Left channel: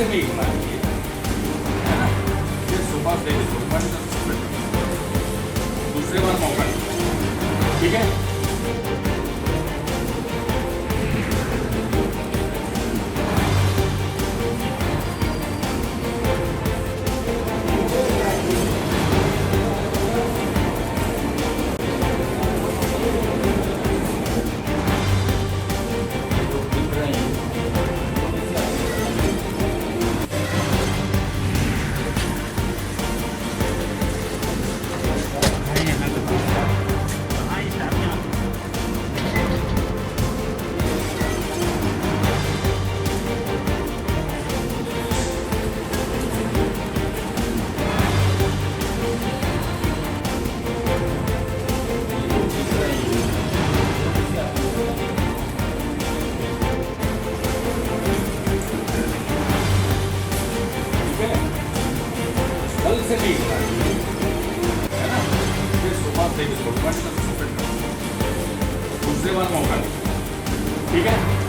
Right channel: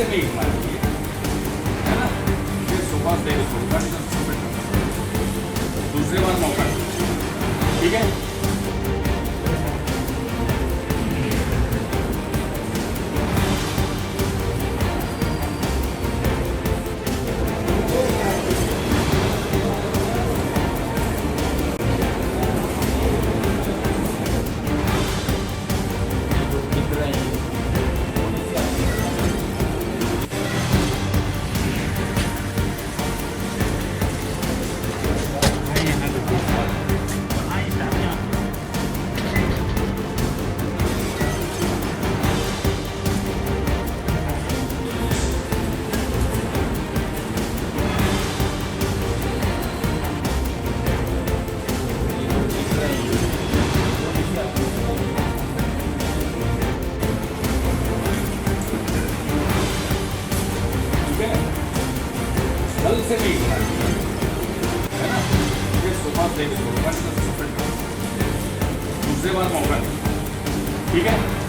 से नहीं होना चाहिए, है ना। ये सोफा दे दे, सोफा नहीं तो सस्पेंड कर, दूसरी बार मौका नहीं, ठीक है। कल से नहीं होना चाहिए, है ना। ये सोफा दे दे, सोफा नहीं तो सस्पेंड कर, दूसरी बार मौका नहीं, ठीक है।